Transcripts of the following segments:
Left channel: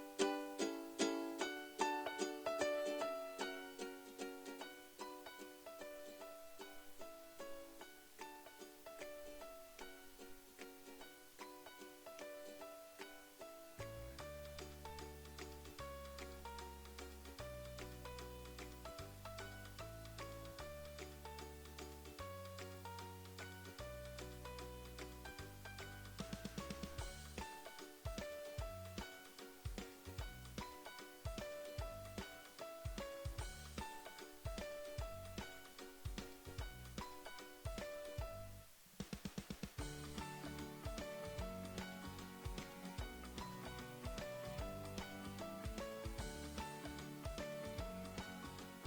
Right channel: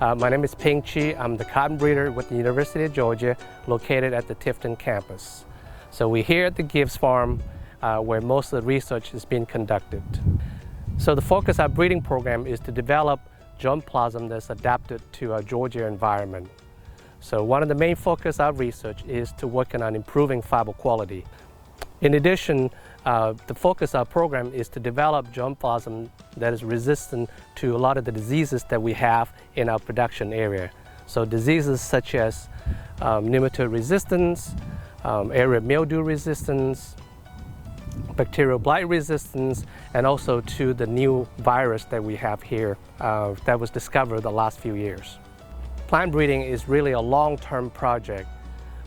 My name is Peng Chee. I'm the cotton breeder with the University of Georgia, located at the Tifton campus. So we're here at the Gibbs Farm where most of the research is being conducted. So the focus of our breeding program is to develop germplasm that's adapted to our Georgia environment. So one of the main focus of our research is to working on improving fiber quality. In addition, the focus of our program is to develop germplasm that is resistant to a lot of the diseases that we have in our production area. So diseases such as nematode resistance, area mildew resistance, bacterial blight resistance, and also to the new virus that we have here that was discovered the last few years. Plant breeding is really a long-term project,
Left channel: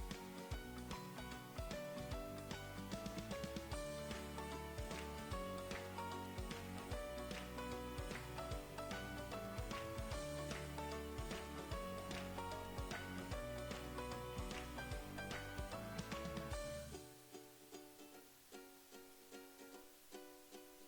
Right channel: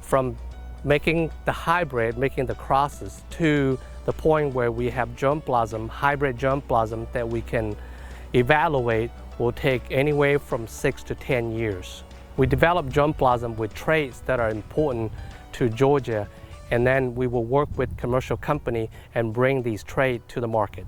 from making the hybrid, making the crosses, to the point where we have germplasm, hybrid germplasm that we can evaluate will take anywhere from 6 to 10 years. We develop germplasm with traits that are important to Georgia, and then we will work with commercial company and bring these traits to the market.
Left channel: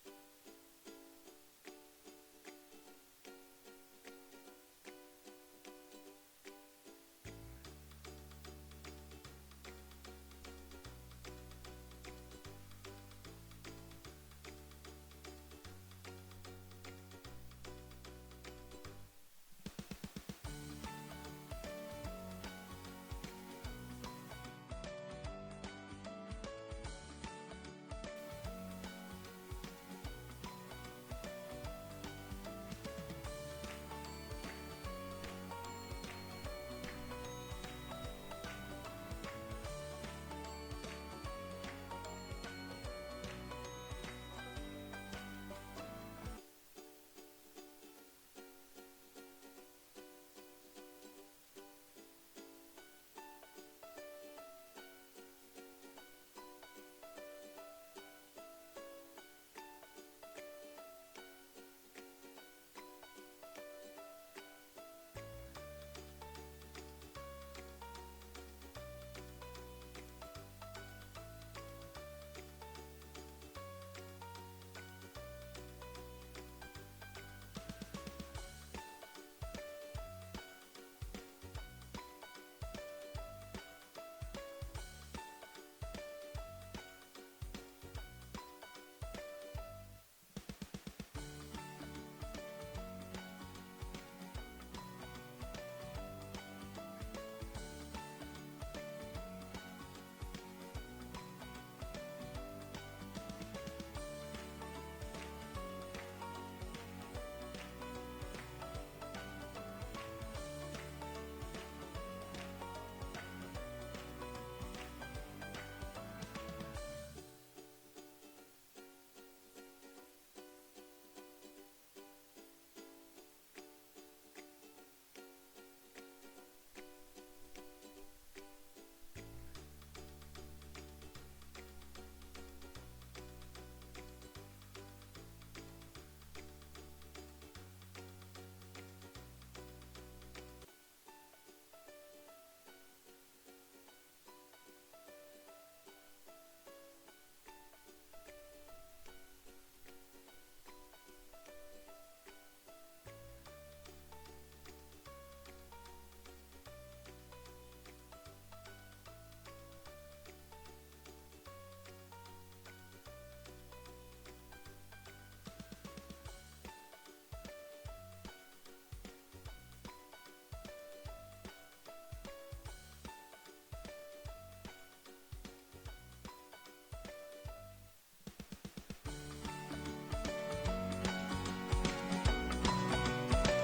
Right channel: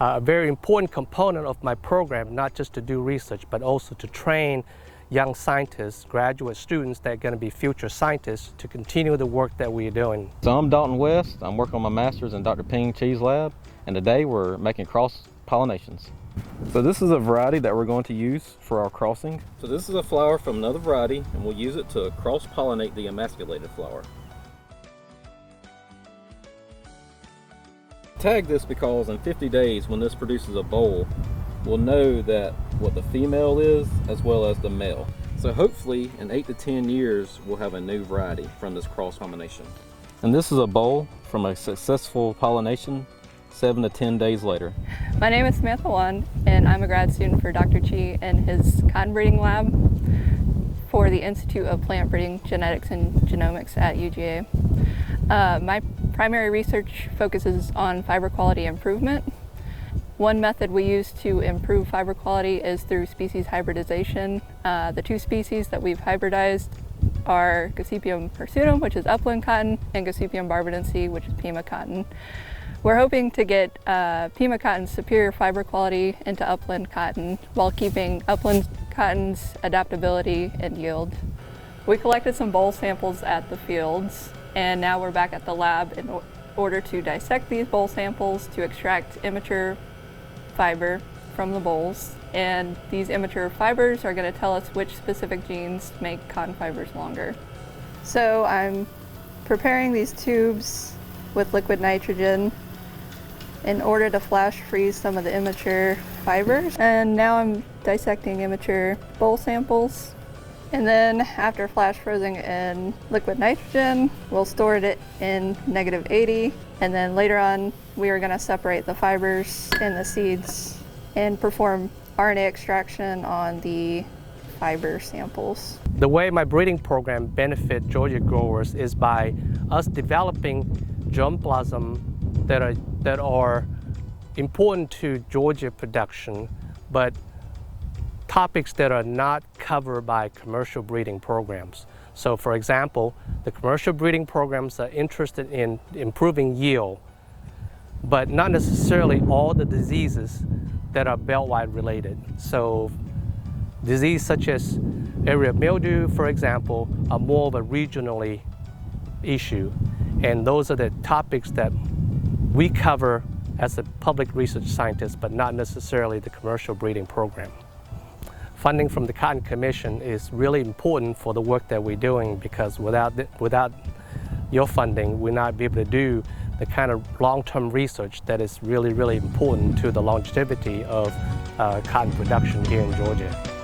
A very important component of my program, not just to do research, but also to train young scientists, graduate students that are going to be future scientists to continue the work that we're doing. So I'm Dalton West. I'm working on my master's in Dr. Peng Chee's lab, and today we're making cross pollinations. So this is a variety that we're going to use for our crossing. So this is a flower from another variety, and we'll use it to cross-pollinate the emasculated flower. Tag this because in 50 days, when this produces a boll, we'll know that what the female is as well as the male. So hopefully in 8 to 10 years we'll have a new variety from this cross combination. And this is a boll from a successful pollination 7 to 10 days later. My name is Samantha, and I'm a grad student for Dr. Chee in his cotton breeding lab for the Institute of Plant Breeding, Genetics and Genomics at UGA. My primary research focuses on fiber quality improvement. One method we use to improve fiber quality is through species hybridization. The two species that we've hybridized are Gossypium hirsutum, which is upland cotton, and Gossypium barbadense, which is Pima cotton. We're hoping to get Pima cotton's superior fiber quality into upland cotton while keeping upland cotton's adaptability and yield. We collected some boll samples at the fields, and now we're back at the lab in order to dissect these boll samples to extract immature fiber from the bolls, and these immature fibers are going to tell us which specific genes make cotton fibers longer. So I'm preparing these tubes with liquid nitrogen in order to flash freeze some of the immature fibers, and now I'm dissecting immature boll samples. And then after flash freezing in liquid nitrogen, we'll store it in -80, and then later on we are going to separate the fibers and the seeds and perform RNA extraction on the fiber samples. The way my breeding program benefits Georgia growers is by us developing germplasm that are important to Georgia production, but topics that are not covered by commercial breeding programs. So for example, the commercial breeding programs are interested in improving yield, but not necessarily all the diseases that are belt-wide related. So disease such as area mildew, for example, are more of a regionally issue. And those are the topics that we cover as a public research scientist, but not necessarily the commercial breeding program. Funding from the Cotton Commission is really important for the work that we're doing, because without your funding, we'll not be able to do the kind of long-term research that is really, really important to the longevity of cotton production here in Georgia.